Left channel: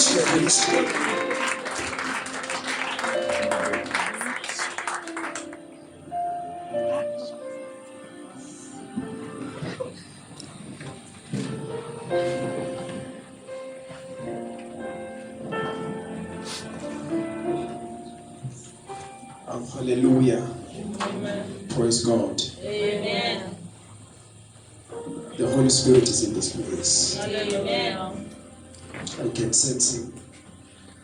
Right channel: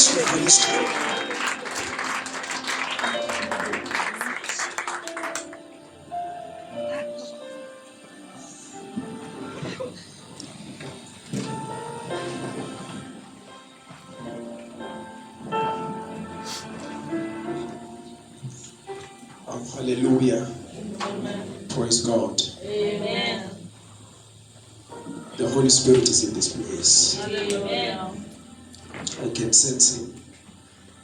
bless you, Holy Spirit. Hallelujah. Praise God. Amen. The Holy Spirit is in this place. Amen. I can sense Him.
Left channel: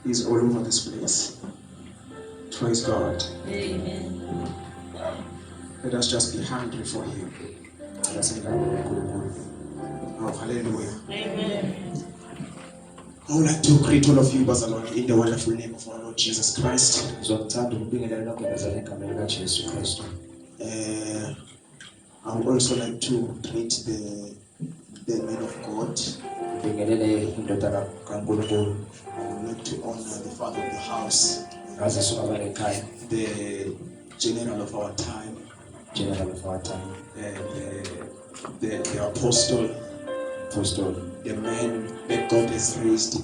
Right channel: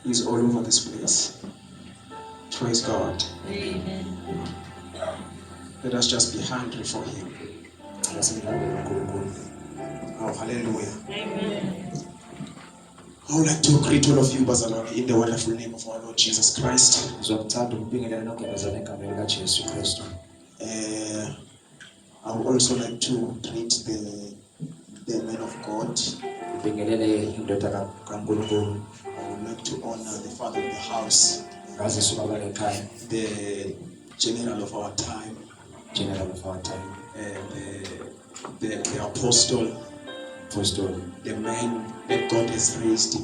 He's all over this place. Praise God. Amen. Let us just be hungry for Him. Oh, hallelujah. Amen. I would like to greet all of you, Bazalwane, in the wonderful name of our Lord Jesus Christ. I would also like to greet the man of God. I would like to honor the father of the house, the general of our time, and the apostle, the man that God has raised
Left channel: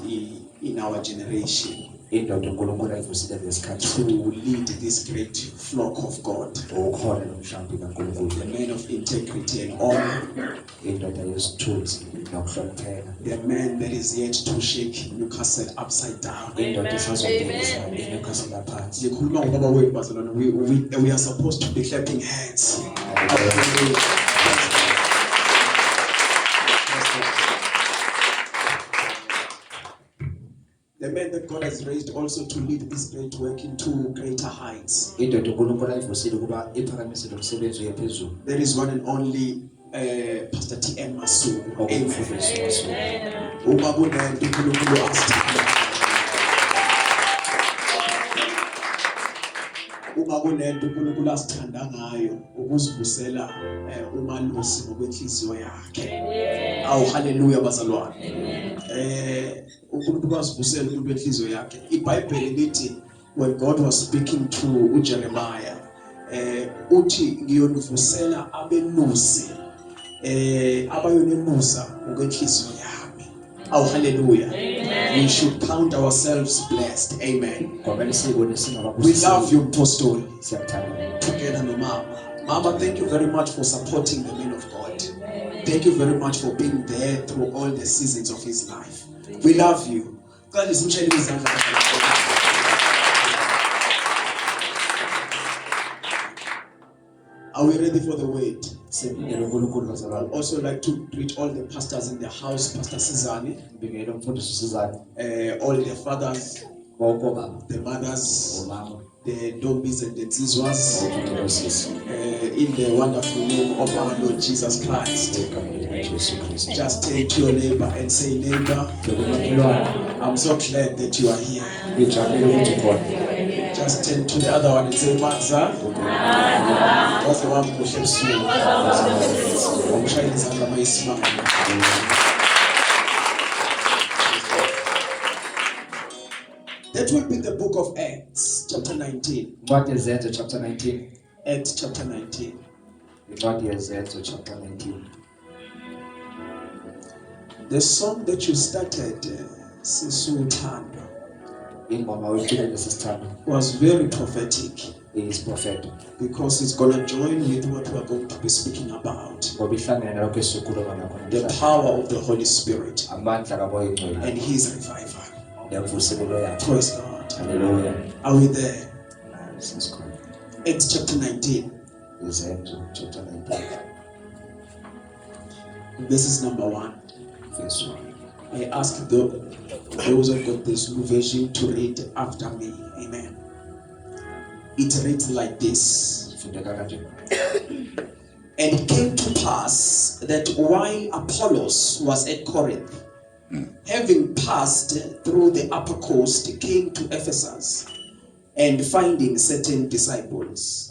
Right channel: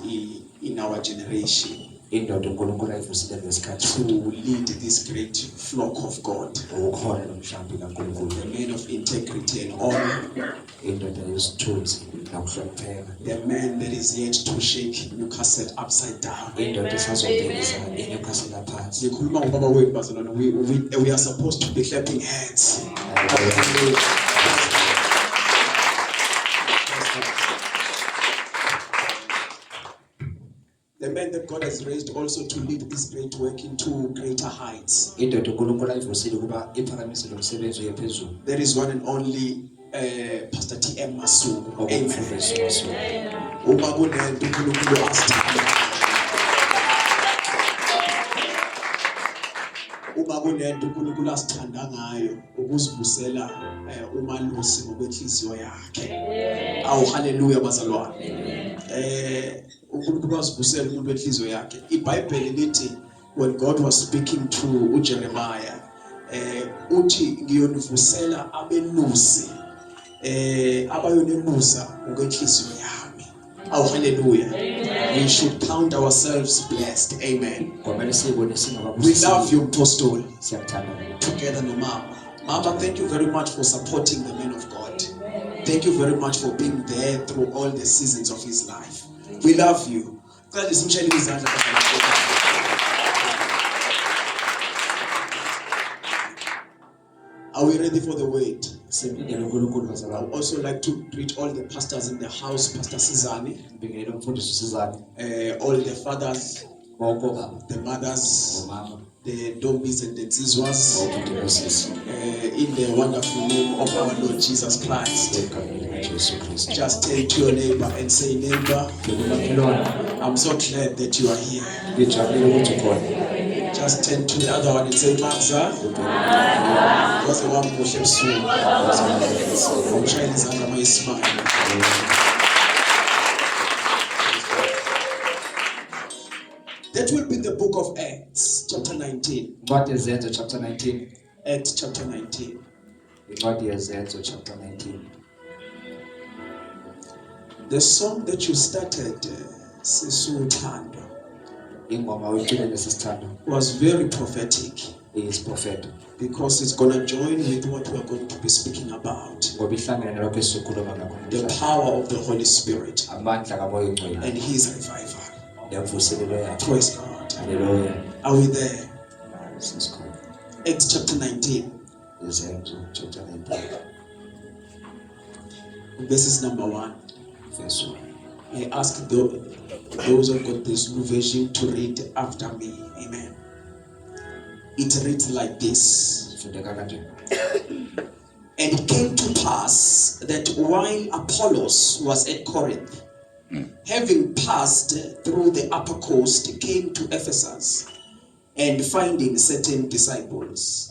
in our generation to lead this great flock of God, the man of integrity and honor, the man that is yet to shake Newcastle upside down. We are supposed to be clapping hands. The man that God has raised also to lead this great work into greater heights. There is one and only Pastor T.M. Masu. Amen. Uma kunento uNkulunkulu asithanda ngayo ukuzivusela umalusi ngokwenhliziyo yakhe. Awu haleluya bazalwane. uNkulunkulu wasivusela ngokwenhliziyo yakhe. iBhayibheli lithi when God was speaking to uJeremiah uthi ngiyonivusela abelusi abayonemusa ngokwenhliziyo yami. Awu haleluya. We should count ourselves blessed. Amen. We love you, Apostle. Together, no Mama. Mama, thank you very much for supporting the man of God. Thank you very much for being there through all the seasons of his life. We love you. Are we ready for the word? I would also like to greet all the pastors in the house, Pastor Sizani, all the fathers, the mothers, the Dombis and the Zizwas, in the wonderful name of our Lord Jesus Christ. Just turn to your neighbor and say, neighbor, I'm so glad that you are here. Just turn to the other one and say, Maza, what's the one who shapes you? I'm trying to get my smile. That will be the book of Acts, chapter 19. What is that, chapter 19? Acts, chapter 19. What is that, chapter 19? The song that you started, Sisutando, was very prophetic. It is prophetic because it's going to join with what we are going to be speaking about. The power of the Holy Spirit and His revival. Praise God. Hallelujah. Are we there? Acts chapter 19. Chapter 19. This is number 1. Verse 1. I ask those who got this new version to read after me. Amen. It reads like this. And it came to pass that while Apollos was at Corinth, having passed through the upper coast, came to Ephesus, and finding certain disciples.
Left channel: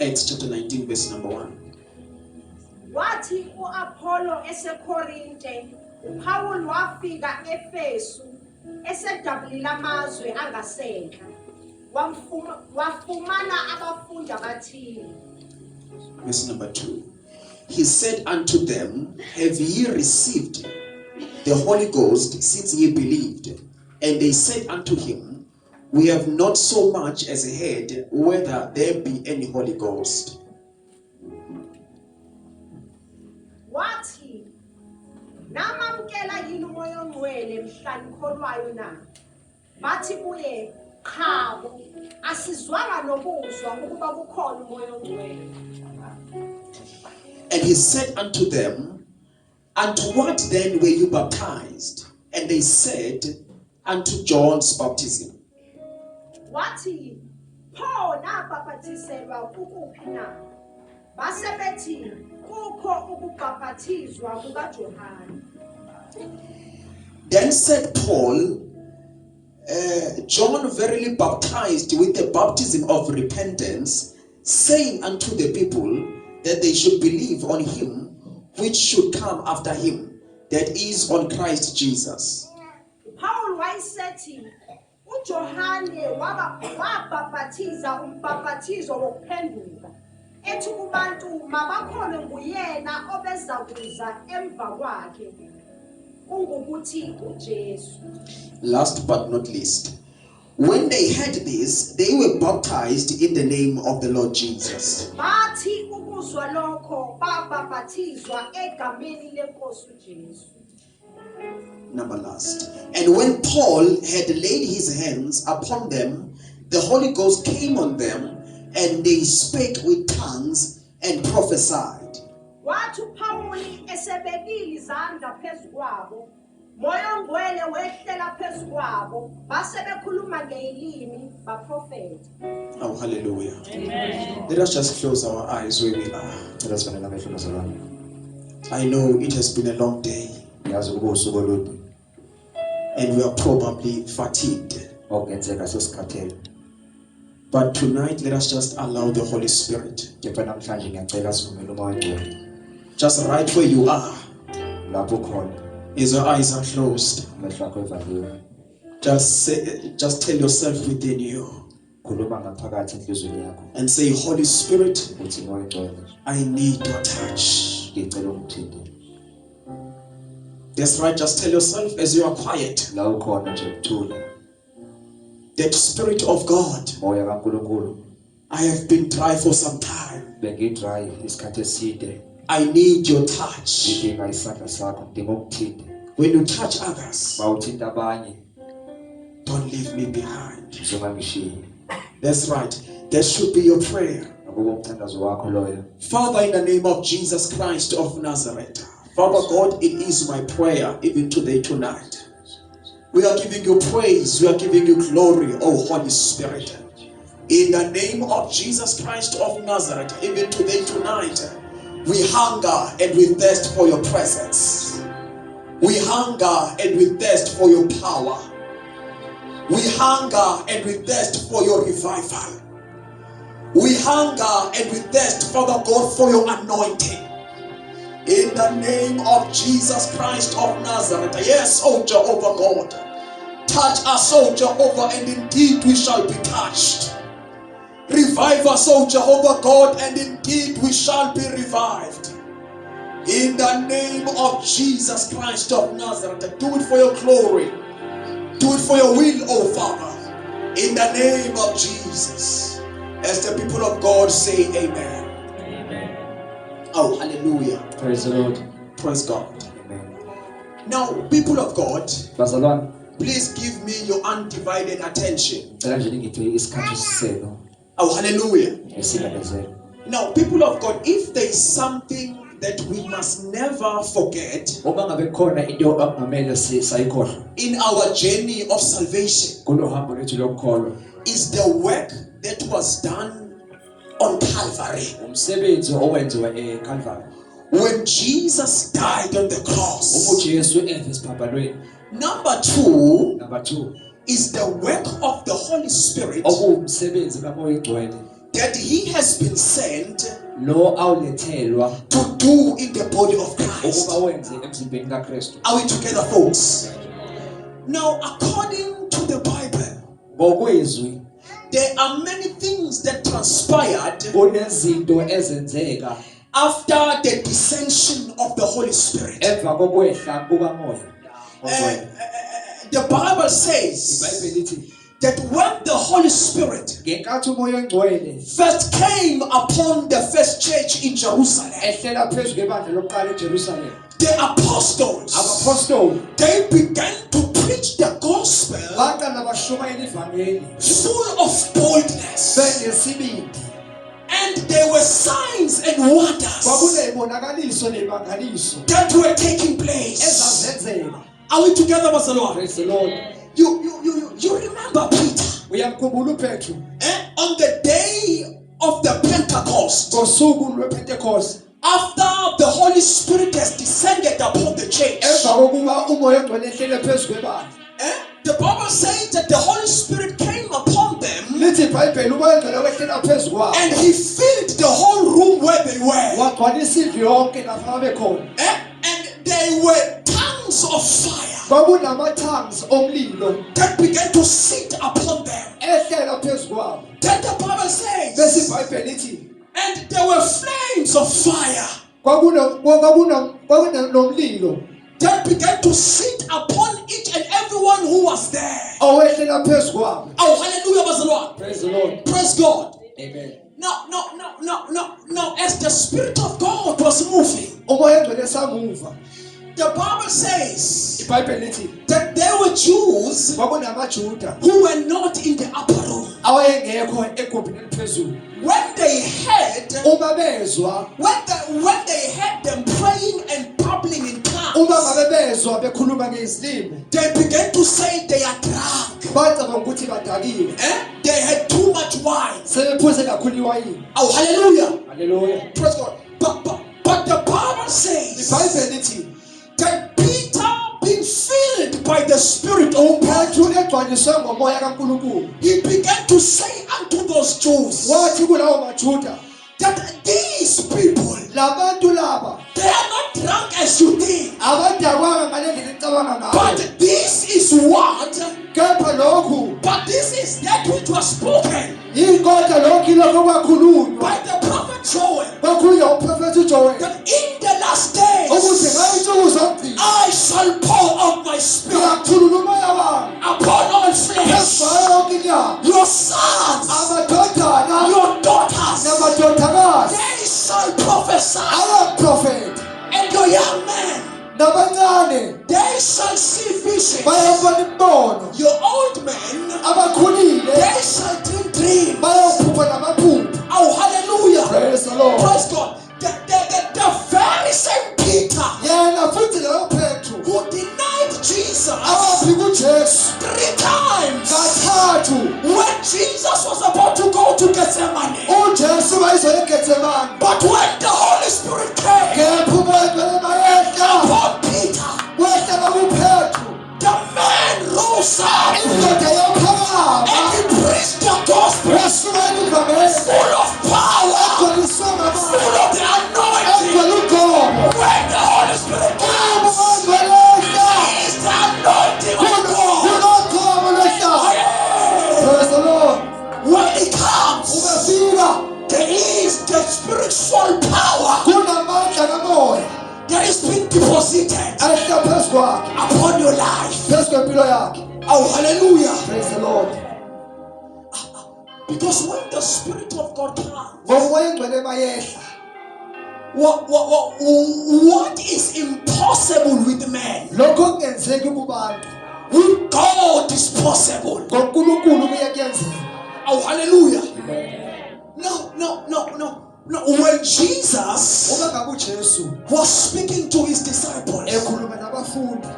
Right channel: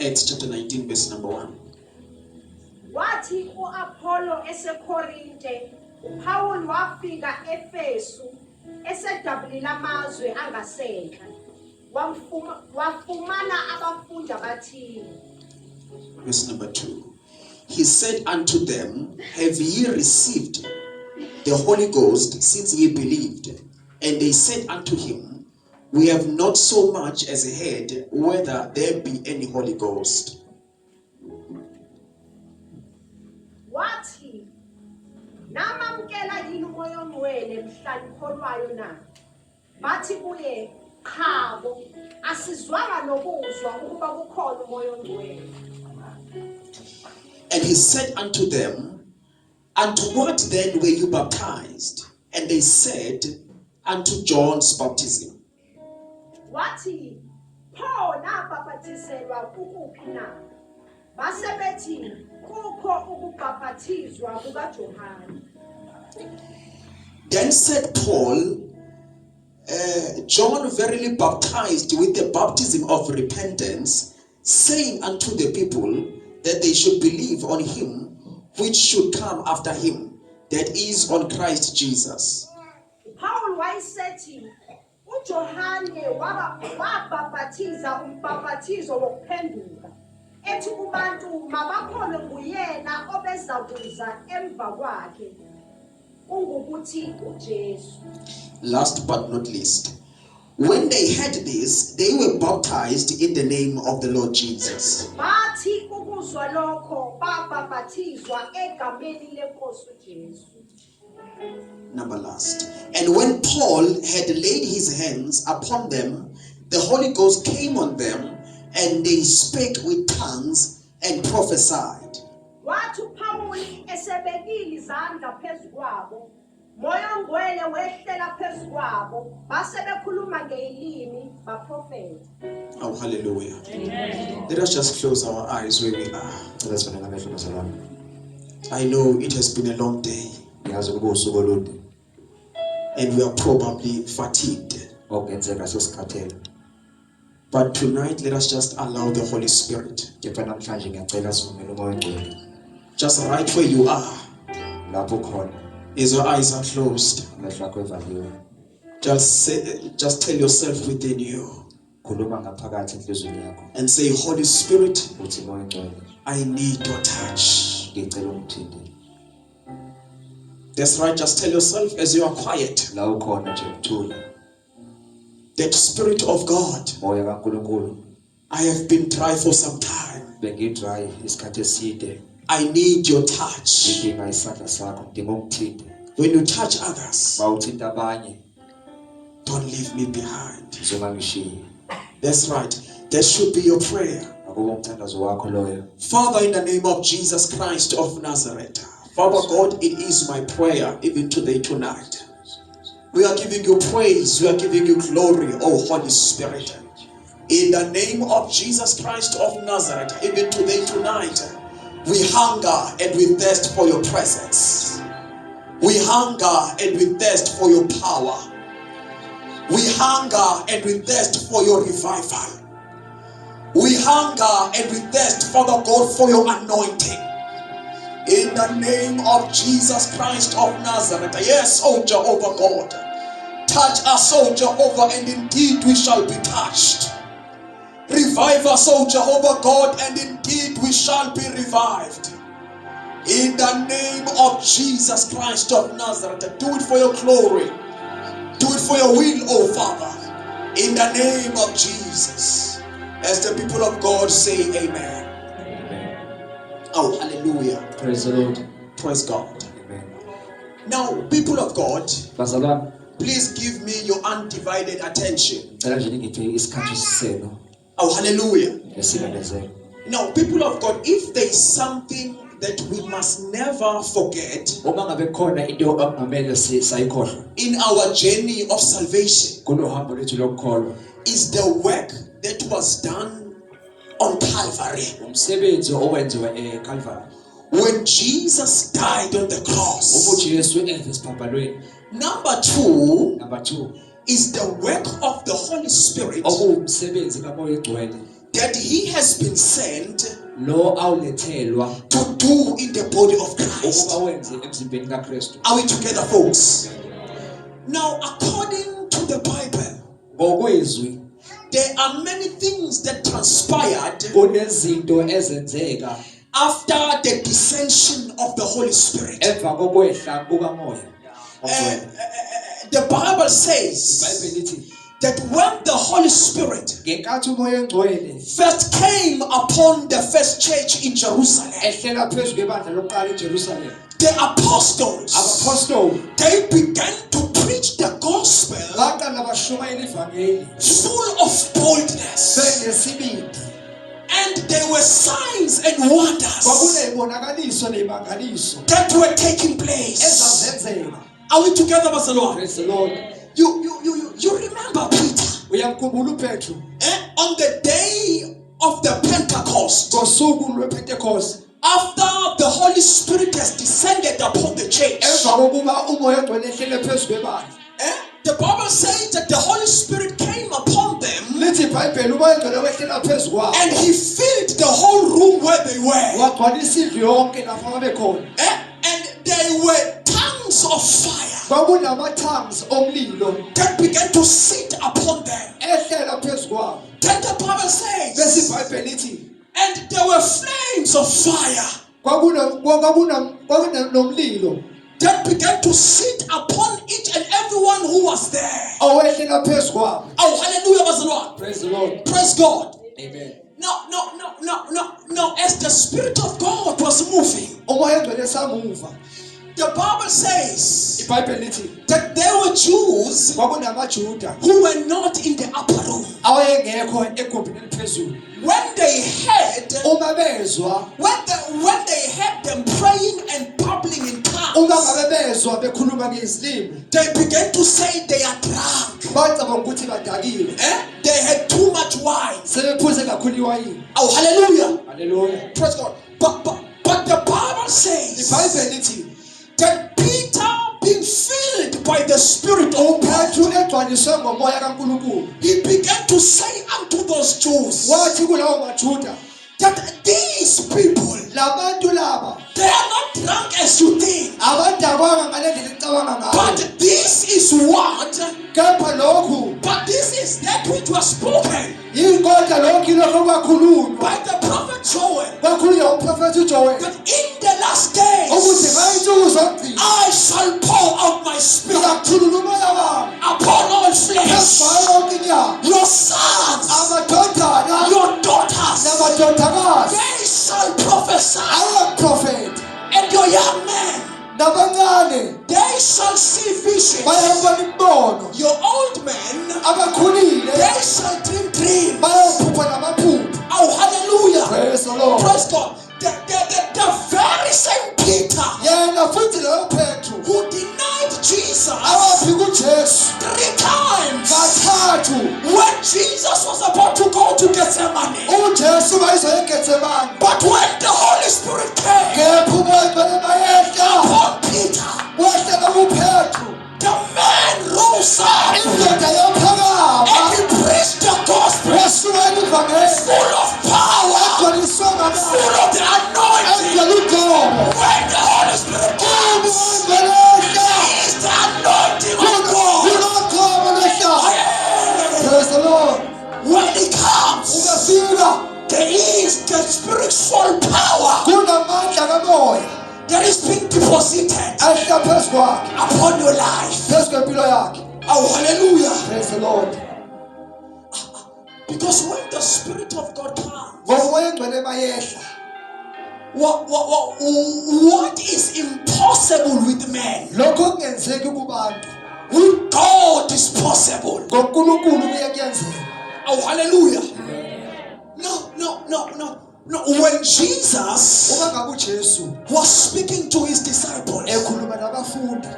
Acts chapter 19, verse number 1. Wathi uApollo eseKorinte, uPaul wafika eFesu esedabulile amazwe angasentla. wafumana abafundi abathile. Verse number 2. He said unto them, have ye received the Holy Ghost since ye believed? And they said unto him, we have not so much as heard whether there be any Holy Ghost. Wathi, namamkela yini umoya ongcwele mhla nikholwayo na? Bathi kuye, chabo, asizwanga nokuzwa ukuba kukhona umoya ongcwele. And he said unto them, unto what then were you baptized? And they said, unto John's baptism. Wathi, pho nabhaphathiselwa kukuphi na? Base bethi, kukho ukubhaphathizwa kukaJohane. Then said Paul, John verily baptized with the baptism of repentance, saying unto the people that they should believe on him which should come after him, that is on Christ Jesus. Paul wayesethi uJohane wabhaphathiza umbhaphathizo wokuphenduka ethi kubantu mabakhole nguyena obeza kuza emva kwakhe ungukuthi uJesu. Last but not least, when they heard this, they were baptized in the name of the Lord Jesus. Bathi ukuzwa lokho babhaphathizwa egameni lenkosi uJesu. Number last. And when Paul had laid his hands upon them, the Holy Ghost came on them, and they spake with tongues and prophesied. Wathi uPawuli esebekile izandla phezu kwabo, moya ongcwele wehlela phezu kwabo, base bekhuluma ngelimi baprofeta. Oh, hallelujah. Amen. Let us just close our eyes where we are. I know it has been a long day, and we are probably fatigued. But tonight, let us just allow the Holy Spirit. Just right where you are, as your eyes are closed, just tell yourself within you and say, Holy Spirit, I need your touch. That's right, just tell yourself as you are quiet, that Spirit of God, I have been dry for some time. I need your touch. When you touch others, don't leave me behind. That's right. That should be your prayer. Father, in the name of Jesus Christ of Nazareth, Father God, it is my prayer even today, tonight. We are giving you praise. We are giving you glory, oh Holy Spirit. In the name of Jesus Christ of Nazareth, even today, tonight, we hunger and we thirst for your presence. We hunger and we thirst for your power. We hunger and we thirst for your revival. We hunger and we thirst, Father God, for your anointing. In the name of Jesus Christ of Nazareth. Yes, oh Jehovah God. Touch us, oh Jehovah, and indeed we shall be touched. Revive us, oh Jehovah God, and indeed we shall be revived. In the name of Jesus Christ of Nazareth. Do it for your glory. Do it for your will, oh Father. In the name of Jesus. As the people of God say amen. Amen. Oh, hallelujah. Praise the Lord. Praise God. Amen. Now, people of God, please give me your undivided attention. Oh, hallelujah. Now, people of God, if there is something that we must never forget in our journey of salvation, is the work that was done on Calvary. When Jesus died on the cross. Number two is the work of the Holy Spirit that he has been sent to do in the body of Christ. Are we together, folks? Now, according to the Bible, there are many things that transpired kunezinto ezenzeka after the descension of the Holy Spirit. emva kokwehla kukamoya ongcwele. The Bible says iBhayibheli lithi that when the Holy Spirit ngenkathi umoya ongcwele first came upon the first church in Jerusalem, ehlela phezu kwebandla lokuqala eJerusalem, the apostles, abapostoli they began to preach the gospel baqala bashumayela ivangeli full of boldness, benesibindi, and there were signs and wonders kwakunezibonakaliso nezimangaliso that were taking place. ezazenzeka. Are we together, Barcelona? Praise the Lord. You remember Peter Uyamkhumbula uPetru on the day of the Pentecost, ngosuku lwePentecost, after the Holy Spirit has descended upon the church. emva kokuba umoya ongcwele ehlele phezu kwebandla. The Bible says that the Holy Spirit came upon them Lithi iBhayibheli umoya ongcwele wehlela phezu kwabo and he filled the whole room where they were. wagcwalisa indlu yonke lapha babekhona. And there were tongues of fire Kwakunama-tongues omlilo that began to sit upon them. ehlela phezu kwabo. Then the Bible Bese says, iBhayibheli lithi and there were flames of fire kwakunomlilo that began to sit upon each and everyone who was there. owehlela phezu kwabo. Oh, hallelujah, was the Lord. Praise the Lord. Praise God. Amen. No, as the Spirit of God was moving, Umoya ongcwele esamuva. the Bible says iBhayibheli lithi that there were Jews kwakunamaJuda who were not in the upper room. awayengekho egumbini eliphezulu. When they heard, Uma bezwa, when they heard them praying and babbling in uma tongues, ngabe bezwa bekhuluma ngezilimi, they began to say they are drunk. bacabanga ukuthi badakiwe, They had too much wine. sebephuze kakhulu iwayini. Oh, hallelujah. Hallelujah. Praise God. But the Bible says iBhayibheli lithi that Peter, being filled by the Spirit of God, uPetru egcwaliswe ngomoya kaNkulunkulu he began to say unto those Jews wathi kulawo maJuda, that these people, labantu laba they are not drunk as you think, abadakwanga ngale ndlela nicabanga ngayo, but this is what, kepha lokhu but this is that which was spoken yinkonja lokhu ilokho kwakhulunywa by the prophet Joel, kwakhulunywa uprofethi uJoel that in the last days ukuthi ngayinsuku zombili I shall pour out my spirit ngizakhulula umoya wami upon all phezu flesh. kwayo yonke inyama, Your sons, amadodana your daughters, namadodakazi they shall prophesy, abaprofethi and your young men, nabancane they shall see visions. bayabona imibono, Your old men, abakhulile they shall dream dreams. bayophupha namaphupho. Oh, hallelujah. Praise the Lord. Praise God. The very same Peter Yena futhi loyo Petru who denied Jesus awaphi kuJesu 3 times kathathu when Jesus was about to go to Gethsemane. uJesu wayezoya eGetsemane, But when the Holy Spirit came kepha umoya ongcwele mayehla upon Peter, wehlela kuPetru, the man rose up indoda yaphakama and he preached the gospel wesukela ivangeli full of power, egcwaliswe ngamoya, full of the anointing. egcwele udumo. When the Holy Spirit Umoya comes, ongcwele ehla is the anointing of God. kunodumo lehla. Praise the Lord. When he comes, Ungafika there is the spiritual power kunamandla kamoya that is being deposited ahla phezu kwakhe, upon your life. phezu kwempilo yakhe. Oh, hallelujah. Praise the Lord. Because when the Spirit of God comes, Ngomoya ongcwele mayehla, what is impossible with man, lokho kungenzeki kubantu, with God is possible. ngoNkulunkulu kuyakuyenzeka. Oh, hallelujah. No. When Jesus Uma ngabe uJesu was speaking to his disciples, ekhuluma nabafundi,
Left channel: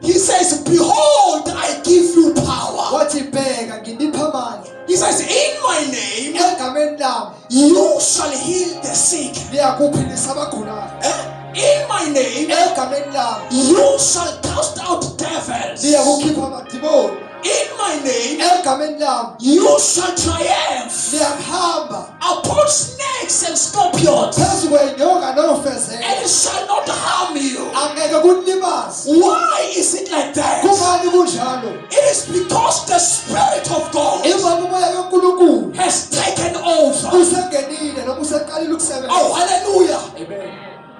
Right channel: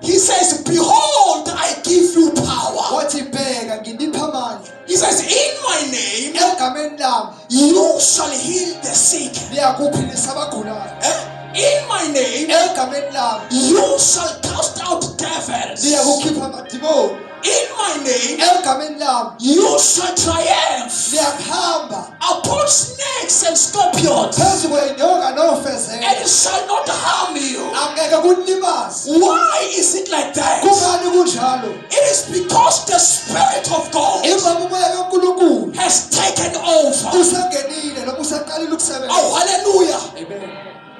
he says, behold, I give you power. wathi bheka ngilipha amandla, He says, in my name, egameni lami you shall heal the sick. liyakuphilisa abagulayo, In my name, egameni lami you shall cast out devils. liyakukhipha amadimoni, In my name, egameni lami you shall triumph liyahamba upon snakes and scorpions, phezu kwenyoka nofezela, and it shall not harm you. angeke kulimaze. Why is it like that? Kungani kunjalo? It is because the Spirit of God Ngoba umoya kaNkulunkulu has taken over. usengenile noma useqalile ukusebenza. Oh, hallelujah. Amen.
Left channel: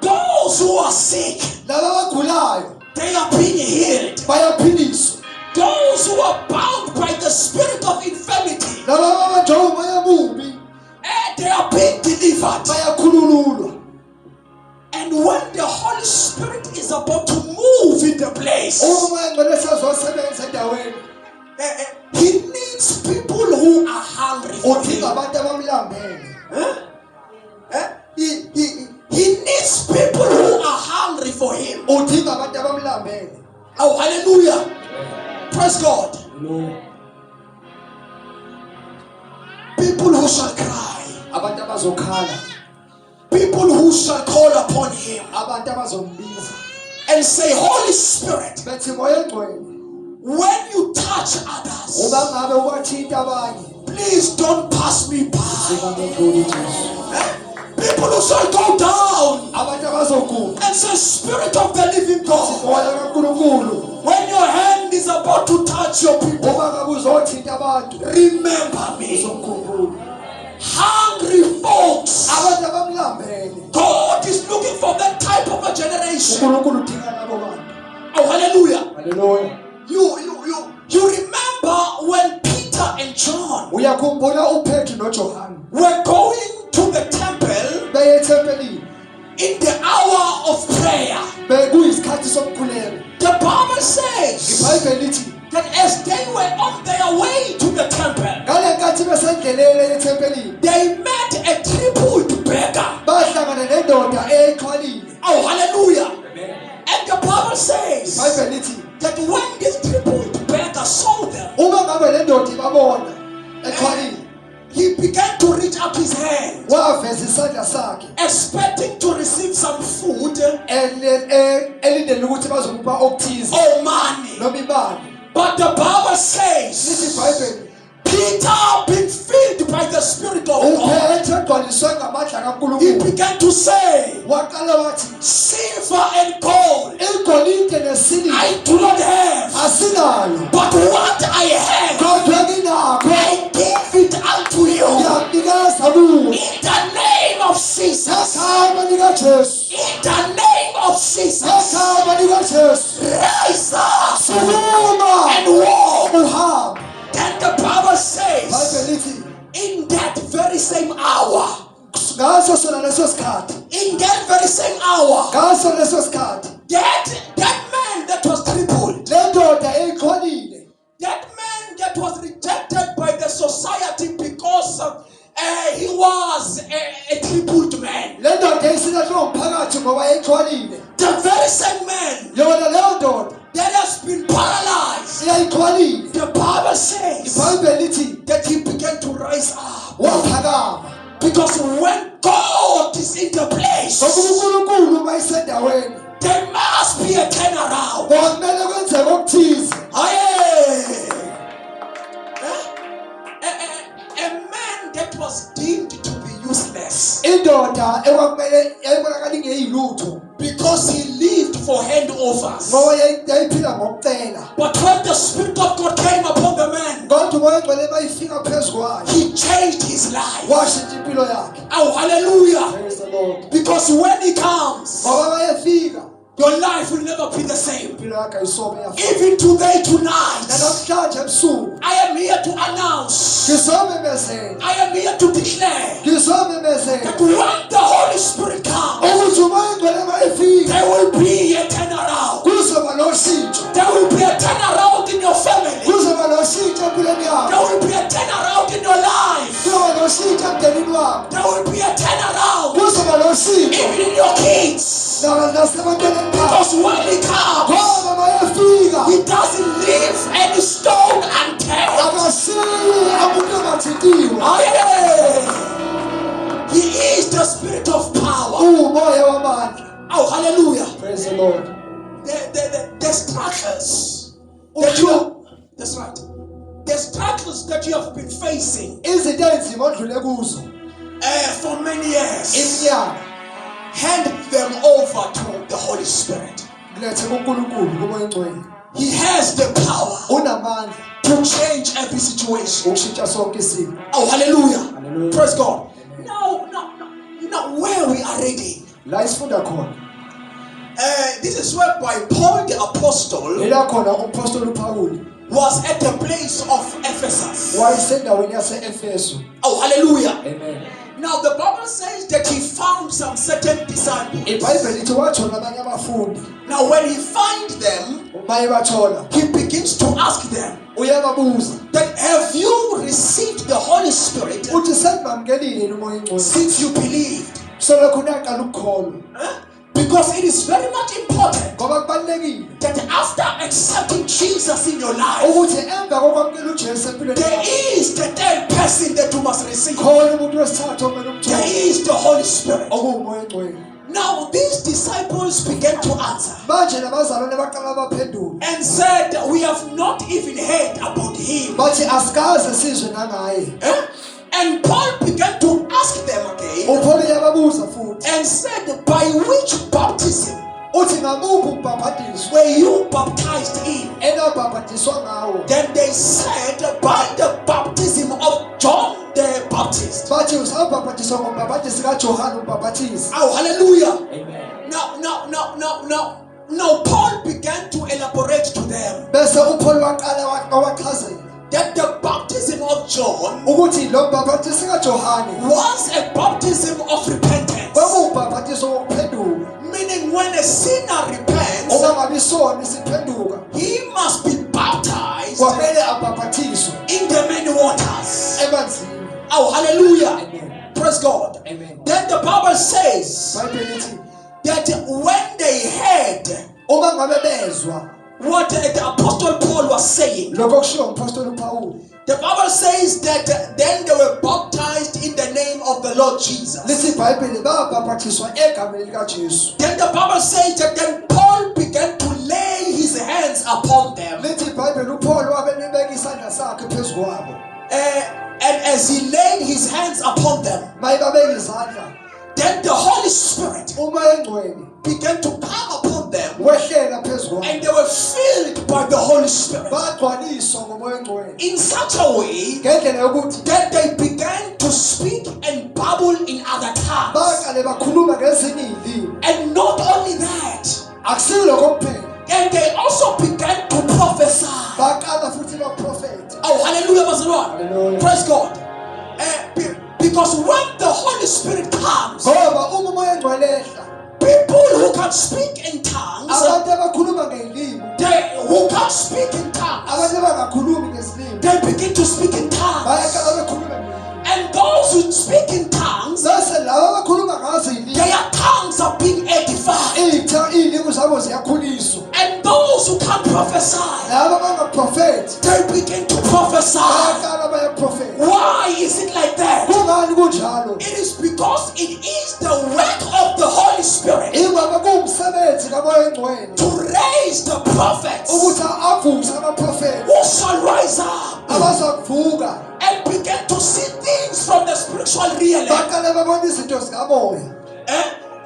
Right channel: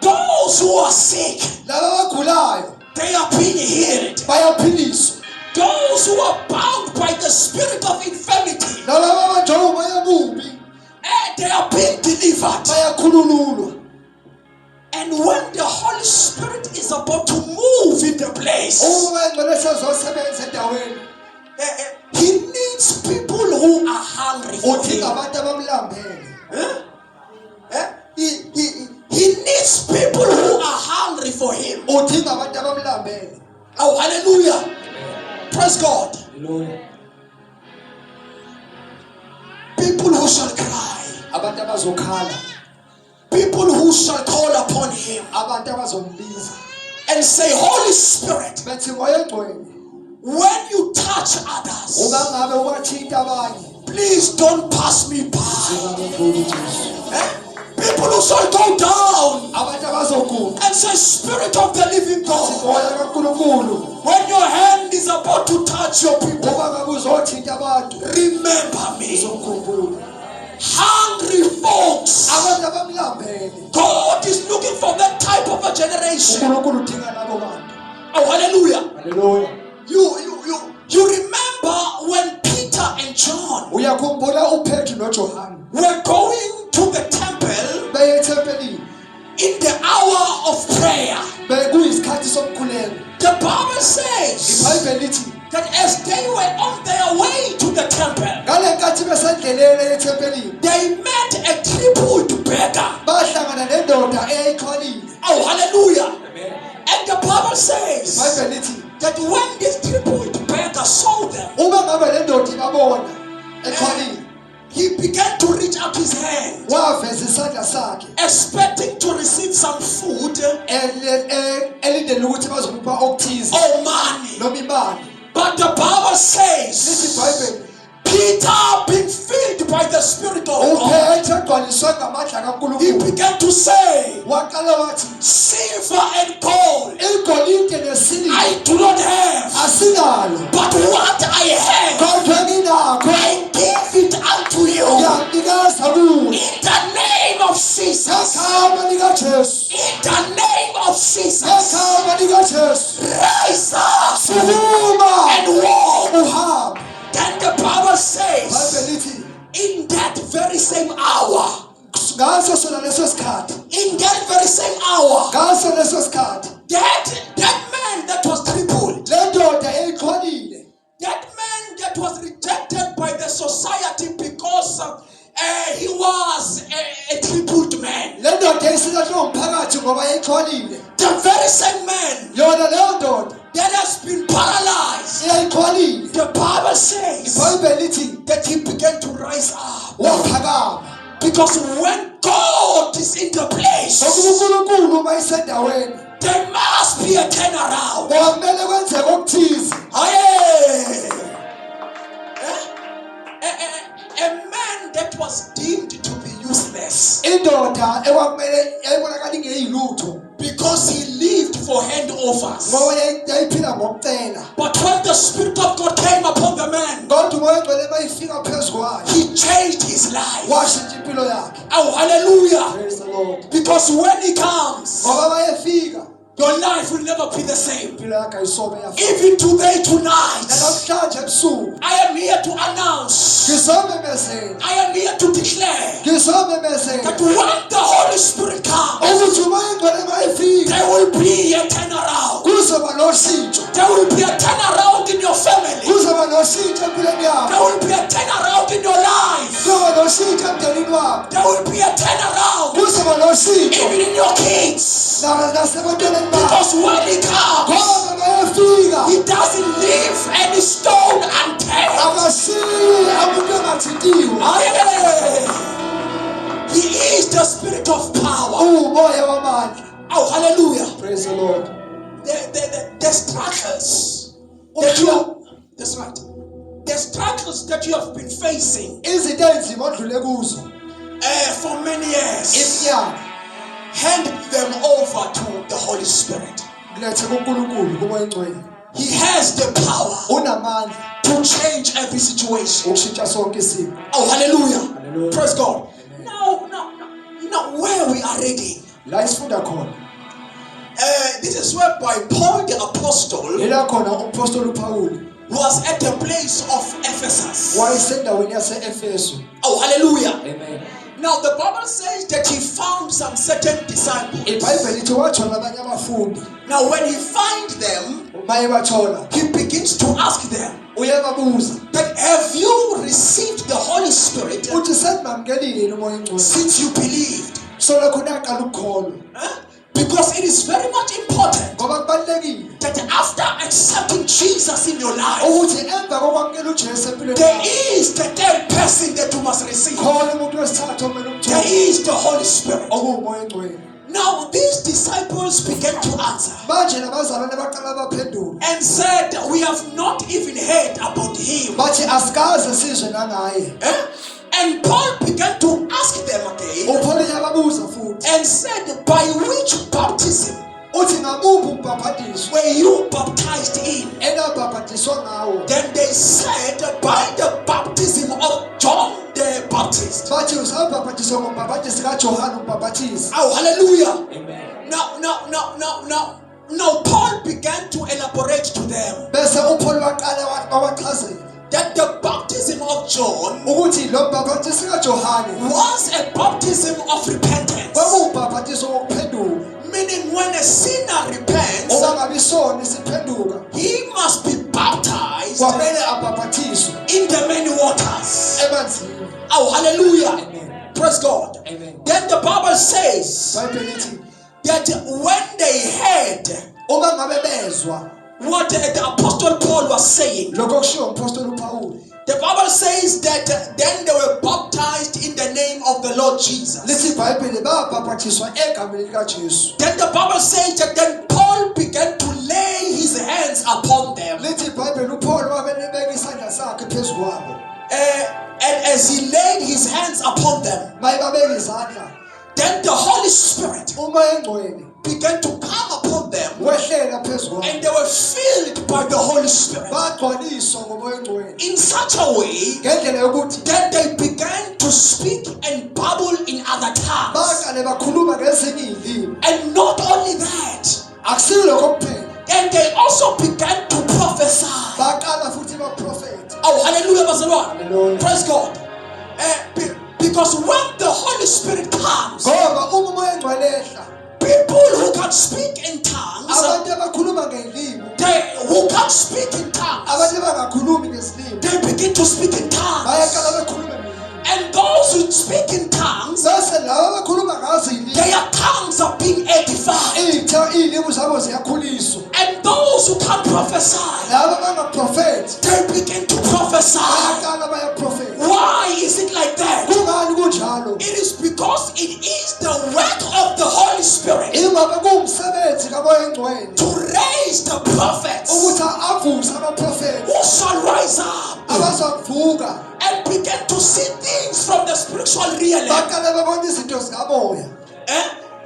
Those who are sick, Laba abagulayo they are being healed. bayaphiliswa. Those who are bound by the spirit of infirmity, Laba abanjwa umoya omubi they are being delivered. bayakhulululwa. And when the Holy Spirit is about to move in the place, Umoya ngcwele sezosebenza endaweni. He needs people who are hungry for Udinga Him. abantu abamlambele. He needs people who are hungry for Him. Udinga abantu abamlambele. Oh, hallelujah. Praise God. Hallelujah. People who shall cry. Abantu abazokhala. People who shall call upon Him Abantu abazombiza. and say, Holy Spirit, Bethi moya engcwele. when you touch others, Uma ngabe ubathinta abanye. please don't pass me by. Singabonga uJesu. People who shall go down Abantu abazoguqa. and say, Spirit of the living God, Moya kaNkulunkulu. when your hand is about to touch your people, Uma ngabe uzothinta abantu. remember me. Uzomkhumbula. Hungry folks. Abantu abamlambele. God is looking for that type of a generation. uNkulunkulu udinga labo bantu. Oh, hallelujah. Hallelujah. You remember when Peter and John Uyakhumbula uPetru noJohane were going to the temple beye ethempelini. in the hour of prayer. Bekuyisikhathi sokukhuleka. The Bible says iBhayibheli lithi that as they were on their way to the temple, ngale nkathi besendleleni ethempelini they met a crippled beggar. bahlangana nendoda eyixhwalile. Oh, hallelujah. And the Bible says iBhayibheli lithi that when this crippled beggar saw them, uma ngabe le ndoda ibabona exhwalile he began to reach up his hand, waveza isandla sakhe expecting to receive some food elindele ukuthi bazomupha okuthize or money. noma imali. But the Bible Lithi says iBhayibheli Peter, being filled by the Spirit of God, uPetru egcwaliswe ngamandla he kaNkulunkulu began to say, waqala wathi silver and gold igolide nesiliva I do not have, asinalo, but what I have kodwa nginakho I give it unto you. ngiyakunikeza kuwe. In the name of Jesus. Ngegama likaJesu. In the name of Jesus. Ngegama likaJesu. Rise up Sukuma and walk. uhambe. Then the Bible says, iBhayibheli lithi in that very same hour, ngaso sona leso sikhathi, in that very same hour, ngaso leso sikhathi that man that was crippled, le ndoda eyixhwalile, that man that was rejected by the society because he was a crippled man, le ndoda eyisingahlwa umphakathi ngoba eyixhwalile, the very same man yona leyo ndoda that has been paralyzed, eyixhwalile, the Bible says iBhayibheli lithi that he began to rise up. waphakama. Because when God is in the place, Ngoba uNkulunkulu uma isendaweni there must be a turnaround. kwamele kwenzeke okuthize. Aye. A man that was deemed to be useless Indoda ekwakumele ebonakala ingeyilutho because he lived for handovers. ngoba yayiphila ngokucela. But when the Spirit of God came upon the man, Kodwa umoya ogcwele mayifika phezu kwayo he changed his life. washintsha impilo yakhe. Oh, hallelujah. Praise the Lord. Because when he comes, Ngoba mayefika your life will never be the same. impilo yakhe ayisobe yafika. Even today, tonight, Namhlanje ebusuku I am here to announce, ngizomemezela, I am here to declare ngizomemezela that when the Holy Spirit comes, ukuthi umoya ogcwele mayefika there will be a turnaround. kuzoba noshintsho. There will be a turnaround in your family. Kuzoba noshintsho empilweni yakho. There will be a turnaround in your life. Kuzoba noshintsho emndenini wakho. There will be a turnaround Kuzoba noshintsho even in your kids. nasebantwaneni bakho. Because when he comes, Ngoba mayefika he doesn't leave any stone unturned. akashiyi umuntu engathintiwe. He is the Spirit of power. Umoya wamandla. Oh, hallelujah. Praise the Lord. The struggles that you are, that's right. The struggles that you have been facing Izinto enzima odlule kuzo for many years, iminyaka hand them over to the Holy Spirit. Lethe kuNkulunkulu kumoya ongcwele. He has the power Unamandla to change every situation. ukushintsha sonke isimo. Oh, hallelujah. Hallelujah. Praise God. Now, where we are reading, La isifunda khona. this is where by Paul the apostle Ila khona umpostoli uPaul was at the place of Ephesus. wayesendaweni yase-Efesu. Oh, hallelujah. Amen. Now, the Bible says that he found some certain disciples. iBhayibheli lithi wathola abanye abafundi. Now, when he finds them, Uma ebathola he begins to ask them uyababuza that have you received the Holy Spirit uthi senibamkelile umoya ongcwele since you believed? selokhu niyaqala ukukholwa Because it is very much important ngoba kubalulekile that after accepting Jesus in your life, ukuthi emva kokwamukela uJesu empilweni there yakho, is the third person that you must receive. khona umuntu wesithathu okumele There umthole is the Holy Spirit. okuwumoya ongcwele. Now these disciples began to answer Manje nabazalwane baqala baphendula and said, we have not even heard about him. bathi asikaze sizwe nangaye. And Paul began to ask them again uPaul uyababuza futhi and said, by which baptism uthi ngakuphi ukubhaphathizwa were you baptized in? enabhaphathizwa ngawo. Then they said, by the baptism of John the Baptist. Bathi usabhaphathizwa ngombhaphathizi kaJohane umbhaphathizi. Oh, hallelujah. Amen. Now, Paul began to elaborate to them Bese uPaul waqala wachazela that the baptism of John ukuthi lo mbhaphathizi kaJohane was a baptism of repentance. kwakuwubhaphathizo wokuphenduka. Meaning, when a sinner repents, Okungabi isona isiphenduka he must be baptized kwamele abhaphathiswe in the many waters. emanzini. Oh, hallelujah. Amen. Praise God. Amen. Then the Bible says iBhayibheli lithi that when they heard uma ngabe bezwa what the Apostle Paul was saying, lokho kushiwo umpostoli uPaul, the Bible says that then they were baptized in the name of the Lord Jesus. lithi iBhayibheli babhaphathiswa egameni likaJesu. Then the Bible says that then Paul began to lay his hands upon them. Lithi iBhayibheli uPaul wabelibeka isandla sakhe phezu kwabo. And as he laid his hands upon them, Mayibabeka izandla then the Holy Spirit umoya ongcwele began to come upon them, wehlela phezu kwabo. and they were filled by the Holy Spirit Bagcwaliswa ngomoya ongcwele in such a way ngendlela yokuthi that they began to speak and babble in other tongues. baqale bakhuluma ngezinye izilimi. And not only that, Akusiyo lokho kuphela, and they also began to prophesy. baqala futhi baprofetha. Oh, hallelujah, Bazalwane. Hallelujah. Praise God. Because when the Holy Spirit comes, Ngoba uma umoya ongcwele ehla, people who can speak in tongues, abantu abakhuluma ngezilimi, who can't speak in tongues, abantu abangakhulumi ngezilimi, they begin to speak in tongues. bayaqala bekhuluma ngezilimi. And those who speak in tongues, Bese labo abakhuluma ngazo izilimi, their tongues are being edified. iy'limi zabo ziyakhuliswa. And those who can't prophesy, Labo abangaprofethi they begin to prophesy. bayaqala bayaprofetha. Why is it like that? Kungani kunjalo? It is because it is the work of the Holy Spirit Ingoba kuwumsebenzi kamoya ongcwele to raise the prophets ukuthi avuse abaprofethi who shall rise up abazavuka and begin to see things from the spiritual realm, baqale babona izinto zikamoya,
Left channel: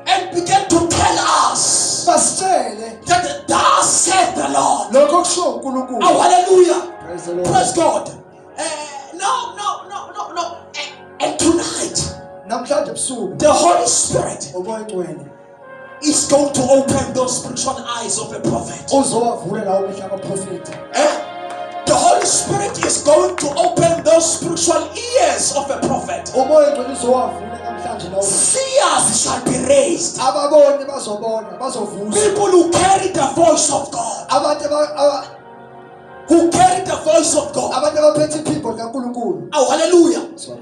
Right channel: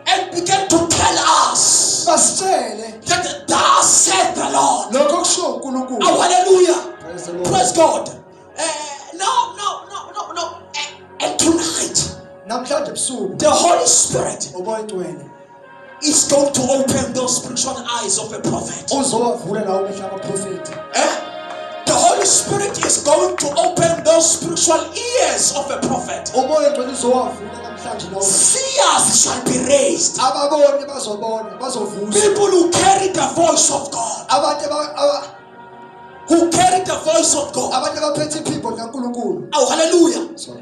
and begin to tell us basitshele that thus said the Lord. lokho kushiwo uNkulunkulu. Oh, hallelujah. Praise the Lord. Praise God. No. And tonight, Namhlanje ebusuku the Holy Spirit umoya ongcwele is going to open those spiritual eyes of a prophet. uzowavula lawo amehlo abaprofethi. The Holy Spirit is going to open those spiritual ears of a prophet. Umoya ongcwele uzowavula namhlanje lawo. Seers shall be raised. Ababoni bazobona, bazovuswa. People who carry the voice of God. Abantu Who carry the voice of God. abantu abaphethe iphimbo likaNkulunkulu. Oh, hallelujah. Sorry.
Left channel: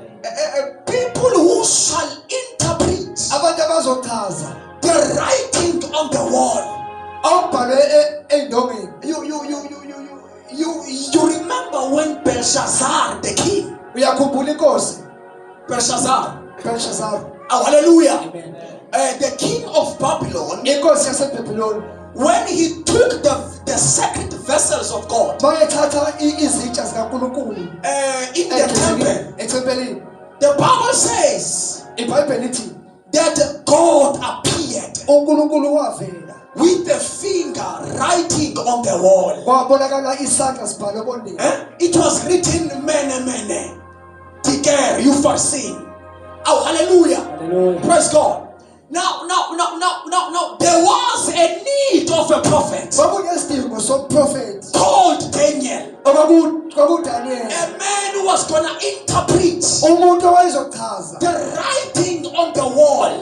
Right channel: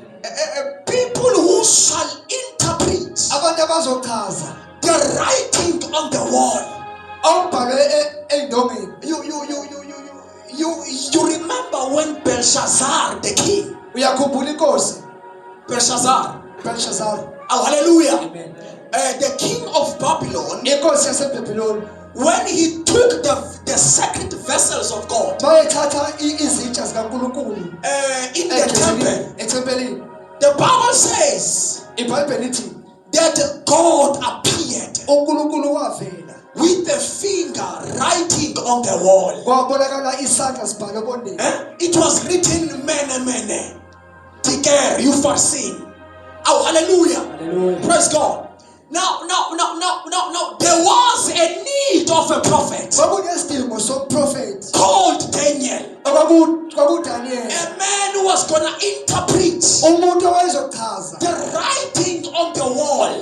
People who shall interpret Abantu abazochaza the writing on the wall. okubhalwe ey'ndongeni. You remember when Belshazzar the king, Uyakhumbula inkosi Belshazzar, Belshazzar. oh hallelujah, Amen. the king of Babylon, Inkosi yaseBhabhiloni when he took the sacred vessels of God bayethatha izitsha zikaNkulunkulu in the temple, ethempelini. the Bible says iBhayibheli lithi that God appeared uNkulunkulu wavela with the finger writing on the wall. kwabonakala isandla sibhale ebondeni. It was written mene. Tiker, you foreseen. Oh, hallelujah. Hallelujah. Praise God. Now, there was a need of a prophet Kwakunesidingo soprofethi called Daniel. kwakuDaniel, A man who was going to interpret umuntu owayezochaza the writing on the wall.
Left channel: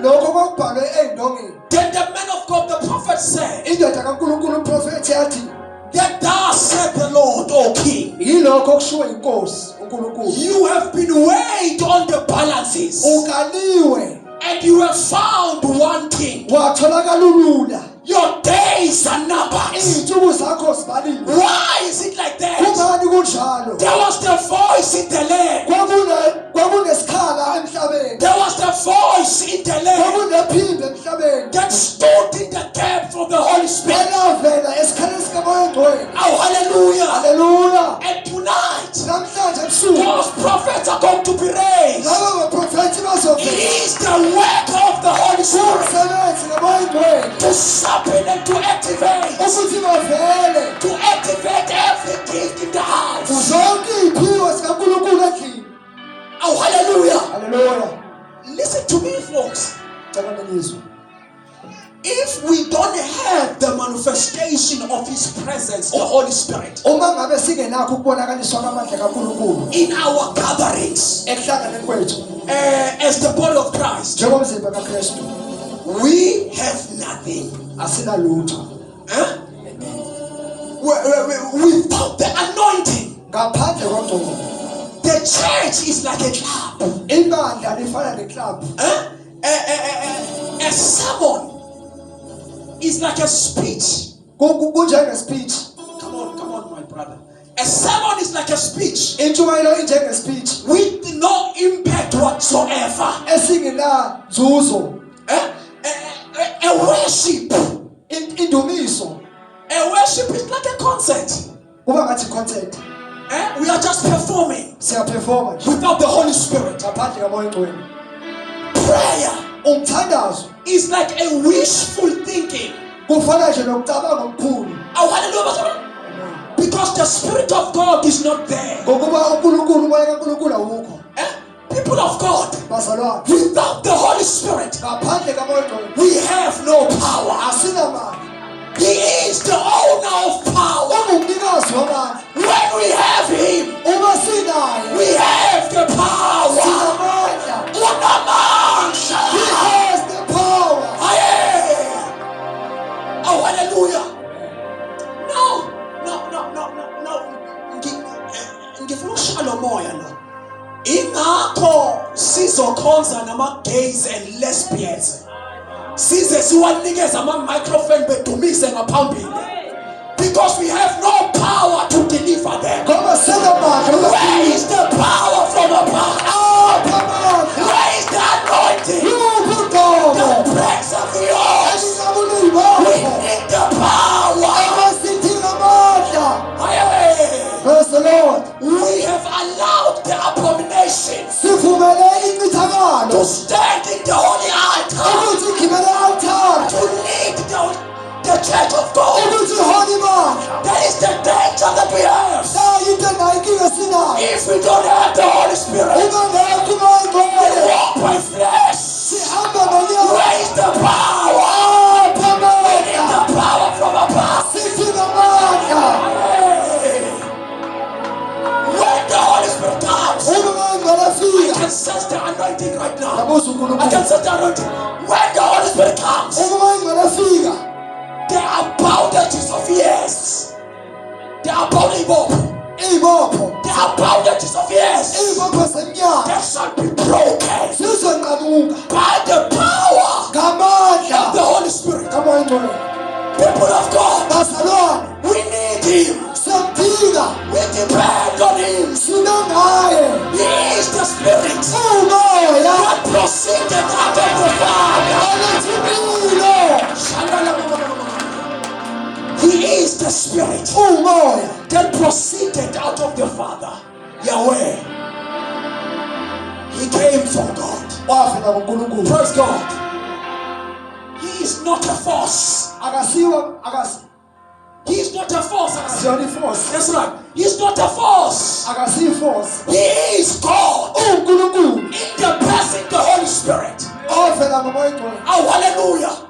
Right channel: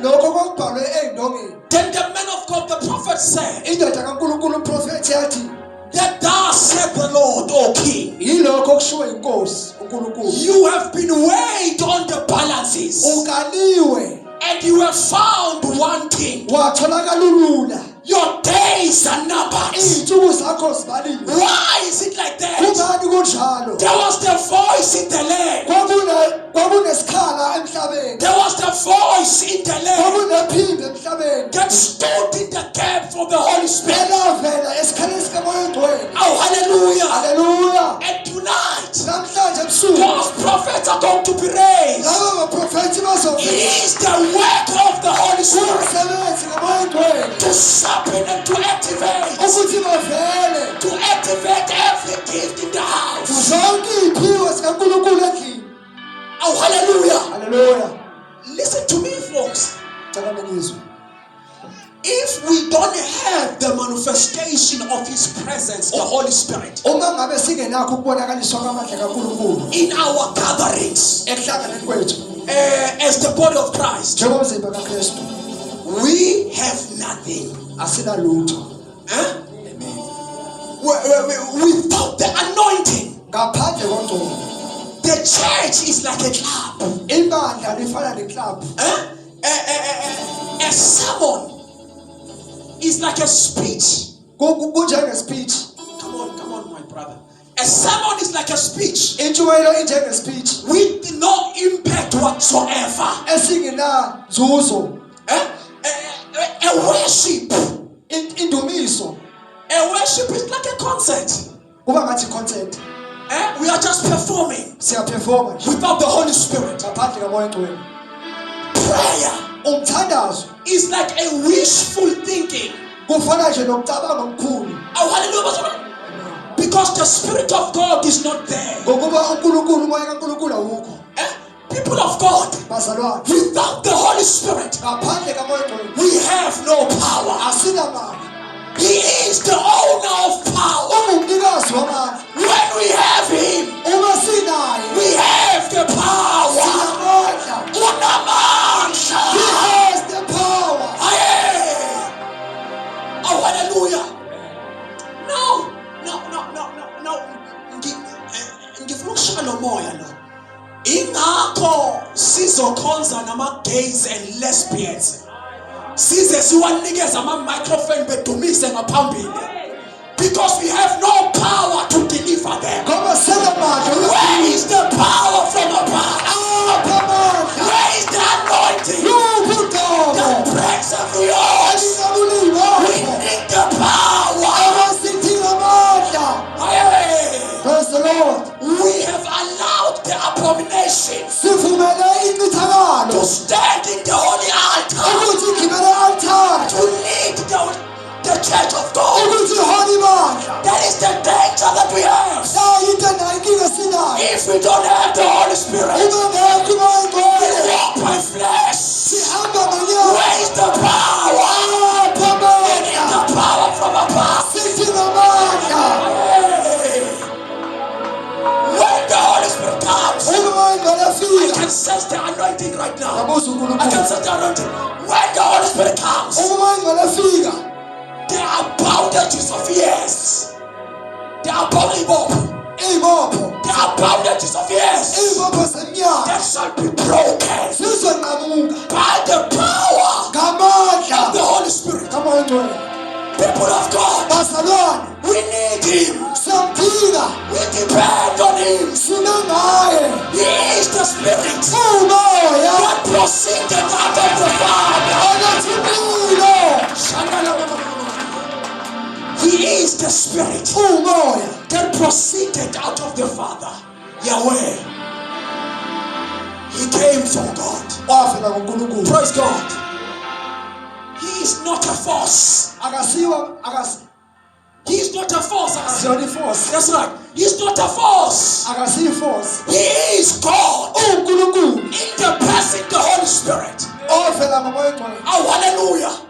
lokho kwakubhalwe ey'ndongeni. Then the man of God, the prophet said, Indoda kaNkulunkulu uprofethi yathi, that thus said the Lord, O King, yilokho okushiwo inkosi uNkulunkulu, you have been weighed on the balances ukaliwe and you have found one thing. watholakala ulula, Your days are numbered. iy'nsuku zakho zibaliwe. Why is it like that? Kungani kunjalo? There was the voice in the land. Kwakunesikhala emhlabeni, There was the voice in the land kwakunephimbo emhlabeni that stood in the gap for the Holy Spirit. elavela esikhaleni sikamoya oyingcwele. Oh, hallelujah. Haleluya. And tonight, Namhlanje ebusuku those prophets are going to be raised. laba baprofethi It bazovela is the work of the Holy Spirit umsebenzi kamoya oyingcwele to sharpen and to activate ukuthi bavele every gift in the house. zonke iy'phiwo zikaNkulunkulu endlini. Oh, hallelujah. Haleluya. Listen to me, folks. Cela ningizwe. If we don't have the manifestation of His presence, the Holy Spirit, Uma ngabe singenakho ukubonakaliswa kwamandla kaNkulunkulu in our gatherings, ekuhlanganeni kwethu as the body of Christ, njengomzimba kaKristu, we have nothing. asinalutho. Without the anointing, Ngaphandle kwengcobo, the church is like a club. ibandla lifana neclub. A sermon is like a speech. Kunjenge-speech. Come on, my brother. A sermon is like a speech Intshumayelo injenge-speech with no impact whatsoever. esingenanzuzo. A worship. Indumiso A worship is like a concert. kuba ngathi concert, We are just performing siyaperforma nje without the Holy Spirit. ngaphandle kamoya oyingcwele. Prayer Umthandazo is like a wishful thinking. kufana nje nokucabanga okukhulu, Oh, hallelujah. Because the Spirit of God is not there. ngokuba uNkulunkulu, umoya kaNkulunkulu awukho. People of God, Bazalwane, without the Holy Spirit, ngaphandle kamoya oyingcwele we have no power. asinamandla. He is the owner of power. Ungumnikazi wamandla. When we have Him, Uma sinaye we have the power. sinamandla. Unamandla. He has the power. Aye. Oh, hallelujah. No. Ngifuna ukushaya moya la. Ingakho sizokhonza nama-gays and lesbians. Size siwanikeza ama-microphone bedumise ngaphambili. Because we have no power to deliver them. Ngoba sinamandla. Where is the power from above? Apha amandla. Where is the anointing Luphi uqobo that breaks every yoke? elingabulili We wakho need the power. abasithile amandla. Aye. Praise the Lord. We have allowed the abomination Sivumele to incithakalo stand in the holy altar, ukuthi igibele altare, to lead the church of God. ukuthi ihole ibandla. That is the danger that we have. Into nayo inkinga esinayo. If we don't have the Holy Spirit, Uma ngekho umoya we oyingcwele walk by flesh. sihamba ngenyama. Where is the power? Apha We need amandla. the power from above. Sithile amandla. Hey. When the Holy Spirit comes, Uma umoya oyingcwele I afika, can sense the anointing right now. yabuza I can uNkulunkulu. sense the anointing. When the Holy Spirit comes, Uma umoya oyingcwele afika, there are bondages of years. There are bondages. iy'bopho, There are bondages of years iy'bopho zeminyaka that shall be broken zizonqamuka by the power of the ngamandla Holy Spirit. kamoya oyingcwele. People of God, Bazalwane, we need Him. siyamdinga, We depend on Him. sime ngaye. He is the Spirit Umoya that proceeded out of the Father. onothile. He is the Spirit Umoya that proceeded out of the Father. Yahweh. He came from God. wavela kuNkulunkulu. Praise God. He is not a force. He's not a force. Akasiyona force. That's right. He's not a force. Akasiyi force. He is God. uNkulunkulu In the person, the Holy Spirit. ovela ngomoya oyingcwele. Oh, hallelujah.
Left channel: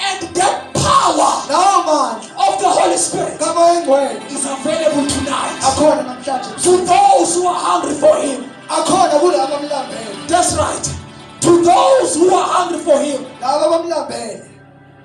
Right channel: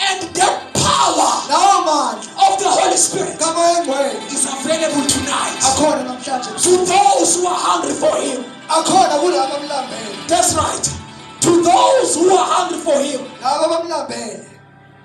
And the power Lawo mandla of the Holy Spirit kamoya oyingcwele is available tonight akhona namhlanje. to those who are hungry for Him. Akhona kulabo abamlambele. That's right. To those who are hungry for Him. Labo abamlambele.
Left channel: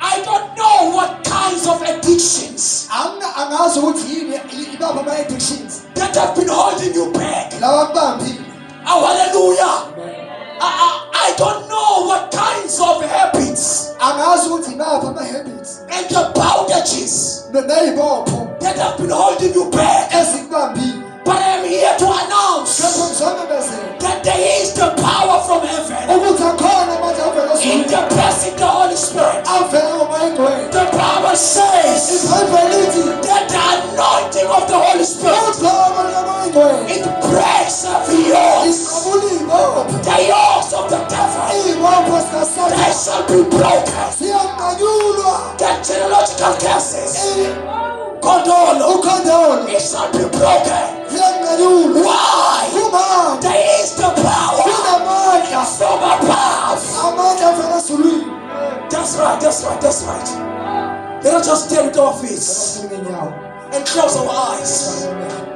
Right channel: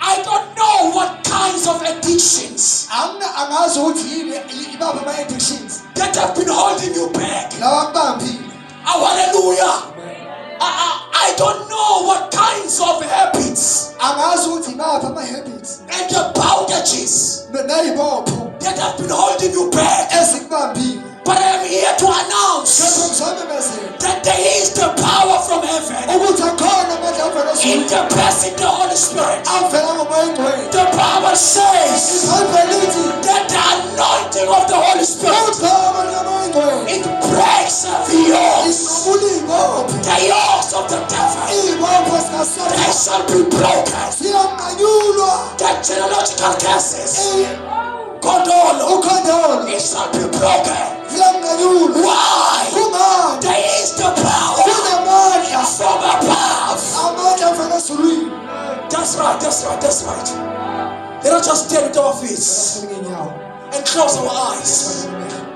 I don't know what kinds of addictions Angazi ukuthi yini ibapha ama-addictions. that have been holding you back. Lawa akubambile. Oh, hallelujah. I don't know what kinds of habits Angazi ukuthi ibapha ama-habits and the bondages nayibopho that have been holding you back. ezikubambile. But I'm here to announce Kepha ngizomemezela that there is the power from heaven ukuthi akhona amandla avela in ezulwini the person, the Holy Spirit. avela ngomoya oyingcwele. The Bible says Ibhayibheli lithi that the anointing of the Holy Spirit, uthaba lukamoya oyingcwele it breaks every yoke. liqabula iy'bopho. The yokes of the devil, Iy'bopho they zikaSathane shall be broken. ziyanqanyulwa. The genealogical curses, Kodolo, Ukhondolo it shall be broken. ziyanqanyulwa. Why? Kumandla There is the power kunamandla from above. amandla avela ezulwini. That's right, that's right, that's right. Let us just stare at our feet Ngenyawo. and close our eyes.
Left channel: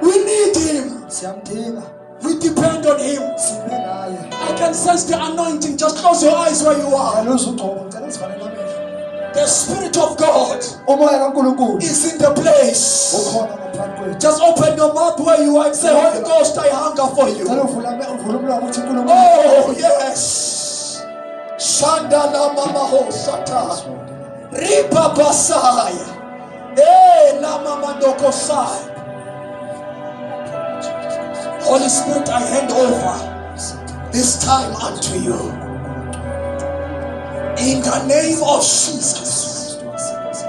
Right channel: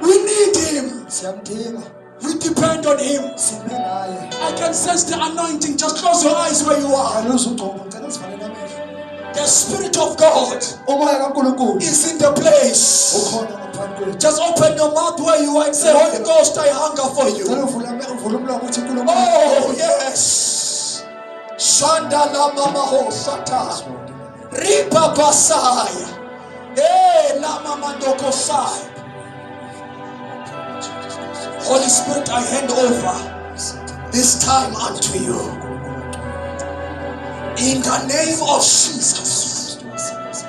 We need Him. Siyamdinga. We depend on Him. Sibe naye. I can sense the anointing. Just close your eyes where you are. Yaluza ugcobo ngicela sivale namehlo. The Spirit of God Umoya kaNkulunkulu is in the place. ukhona ngaphansi kwethu. Just open your mouth where you are and say, Holy Ghost, I hunger for you. Cela uvule umlomo uthi uNkulunkulu. Oh, yes. Shandala mama ho sata. Ripa basaya. Lama mandoko sai. Holy Spirit, I hand over this time unto you. In the name of Jesus.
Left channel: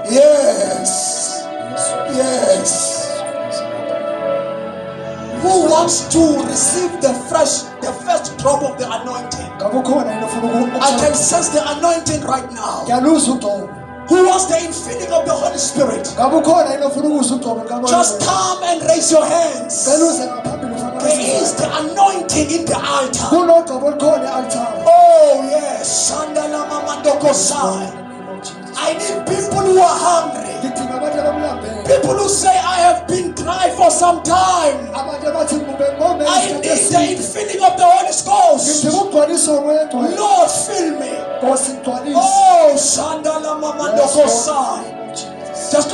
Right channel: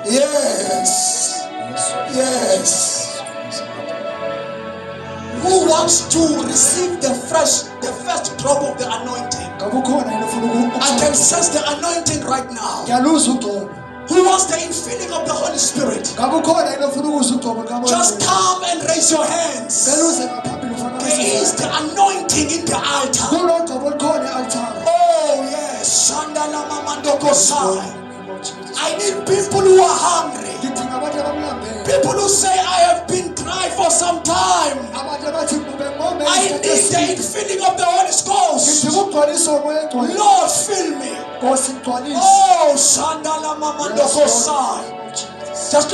Yes. Yes. Who wants to receive the first drop of the anointing? Ngabe ukhona yini ofuna I can sense the anointing right now. Yaluza ugcobo. Who wants the infilling of the Holy Spirit? Ngabe ukhona yini ofuna ukuzwa ugcobo kamoya. Just come and raise your hands. Beluze ngaphambili ufana There is the anointing in the altar. kunogcobo olukhona e-altar. Oh yes. Shandala mamandoko sai. I need people who are hungry. Ngidinga abantu abamlambele. People who say, I have been dry for some time. Abantu abathi ngome I need the infilling of the Holy Ghost. ngidinga ukugcwaliswa umoya oyingcwele. Lord, fill me. Nkosi ngigcwalise. Oh, Shandala Mamandoko Sai.